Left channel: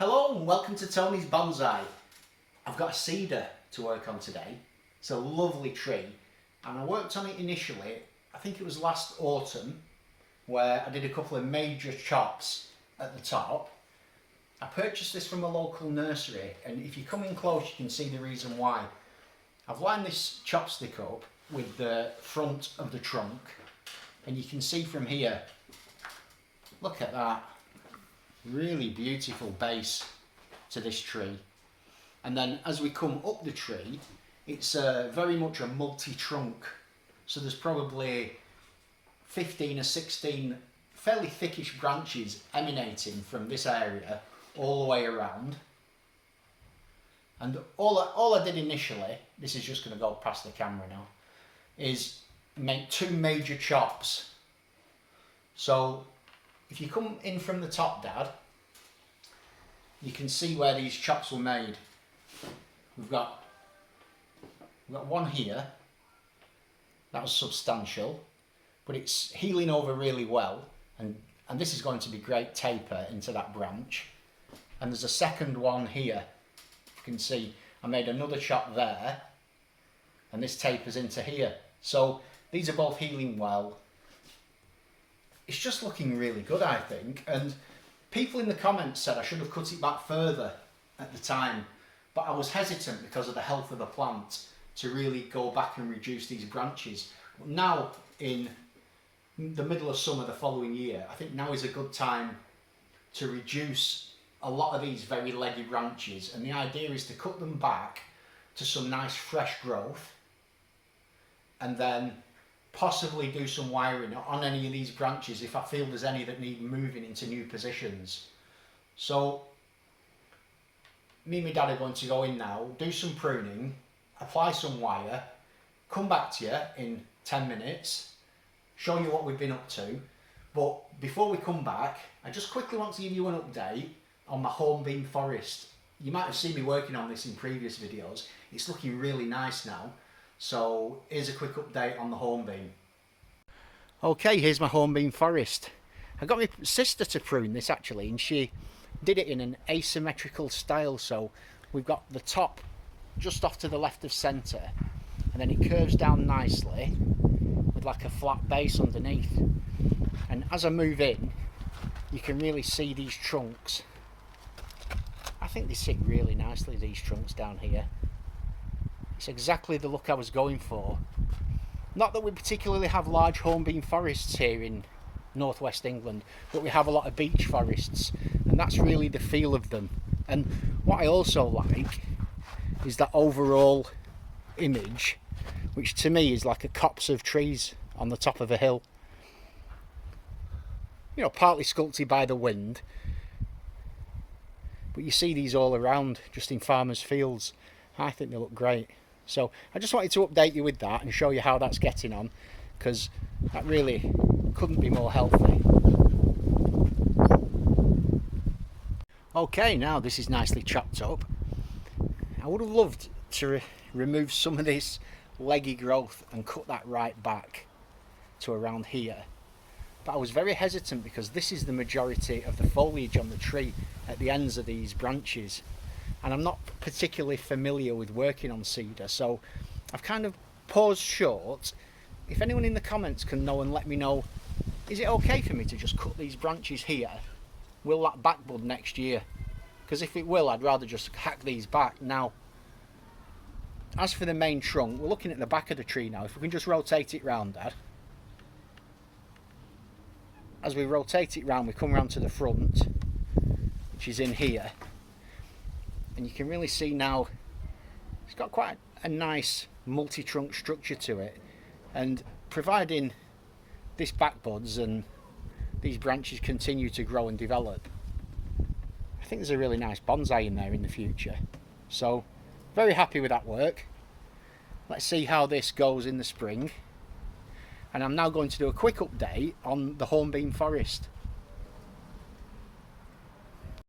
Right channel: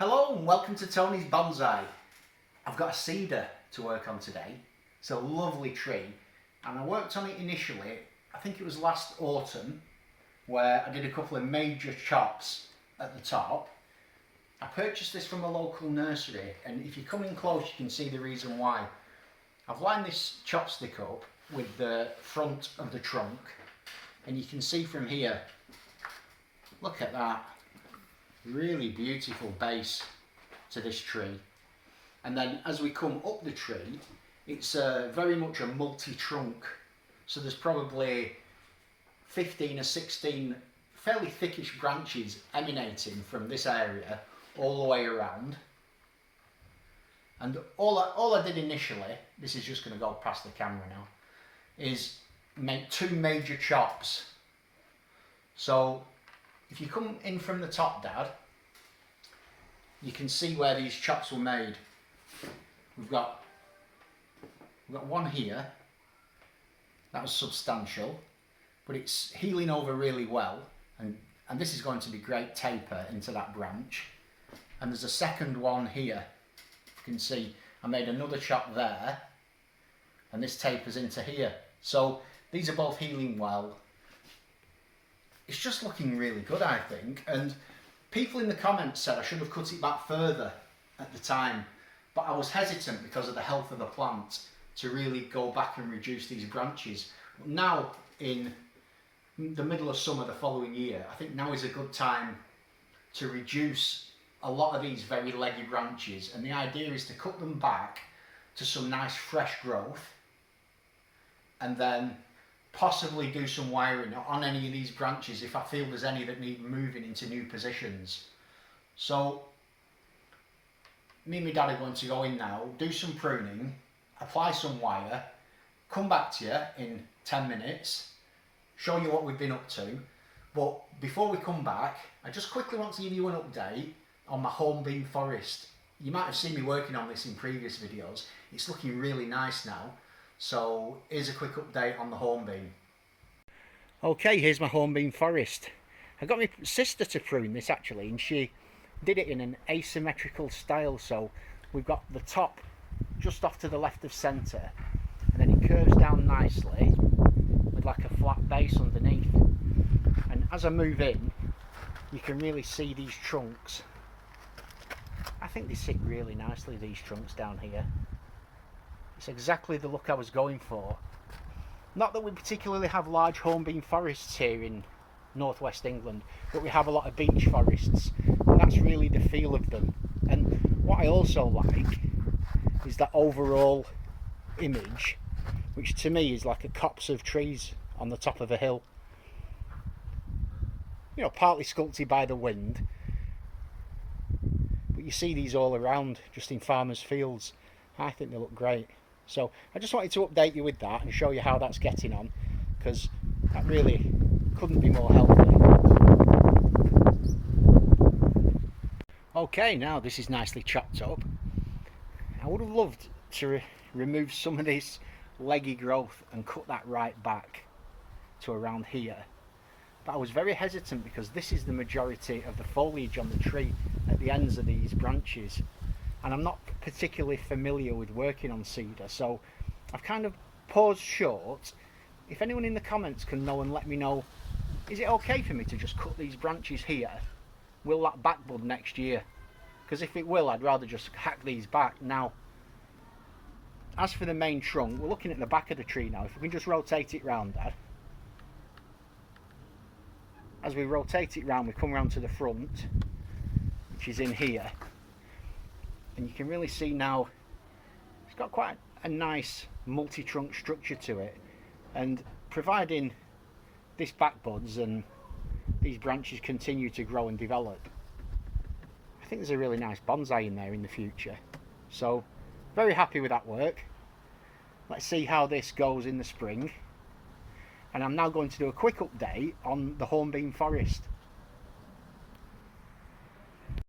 Hello and welcome to Tony's Bonsai. I've got a cedar to work on today. It's a lovely tree and I worked on it initially, I think it was last autumn, where I did a couple of major chops at the top. I purchased this from a local nursery and if you come in close you can see the reason why. I've lined this chopstick up with the front of the trunk and you can see from here, look at that. Really beautiful base to this tree, and then as we come up the tree it's very much a multi-trunk, so there's probably 15 or 16 fairly thickish branches emanating from this area all the way around. And all I did initially, this is just going to go past the camera now, is make two major chops. So if you come in from the top, Dad, you can see where these chops were made. We've got one here, that was substantial, but it's healing over really well, and this is going to be great taper into that branch. And there's a second one here. You can see I made another chop there, and this tapers into here. So these are both healing well. It's just looking really good, I think, and people in the comments said I should have cut it back further at the time, but I was hesitant because of the health of the plant to really go back and reduce these branches. But now in the middle of summer the following year, I think now is a good time to reduce a lot of these very leggy branches, and the idea is to cut them back to some nice fresh growth and then possibly do some wiring on any of these branches if I feel there's any that need moving into new positions. So me and my dad are going to go in now, do some pruning, apply some wire, come back to you in 10 minutes, show you what we've been up to. But before we come back, I just quickly want to give you an update on my hornbeam forest. You might have seen me working on this in previous videos. It's looking really nice now. So here's a quick update on the hornbeam. Okay, here's my hornbeam forest. I got my sister to prune this actually, and she did it in an asymmetrical style. So we've got the top just off to the left of centre, and then it curves down nicely with like a flat base underneath. And as I move in, you can really see these trunks. I think they sit really nicely, these trunks down here. It's exactly the look I was going for. Not that we particularly have large hornbeam forests here in northwest England, but we have a lot of beech forests, and that's really the feel of them. And what I also like is that overall image, which to me is like a copse of trees on the top of a hill. You know, partly sculpted by the wind, but you see these all around just in farmers' fields. I think they look great. So I just wanted to update you with that and show you how that's getting on, because that really couldn't be more healthy. Okay, now this is nicely chopped up. I would have loved to remove some of this leggy growth and cut that right back to around here, but I was very hesitant because this is the majority of the foliage on the tree at the ends of these branches. And I'm not particularly familiar with working on cedar, so I've kind of paused short. If anyone in the comments can know and let me know, is it okay for me to just cut these branches here? Will that back bud next year? Because if it will, I'd rather just hack these back now. As for the main trunk, we're looking at the back of the tree now. If we can just rotate it round, Dad. As we rotate it round, we come round to the front, which is in here. And you can really see now it's got quite a nice multi-trunk structure to it, and providing this back buds and these branches continue to grow and develop, I think there's a really nice bonsai in there in the future. So very happy with that work. Let's see how this goes in the spring, and I'm now going to do a quick update on the hornbeam forest.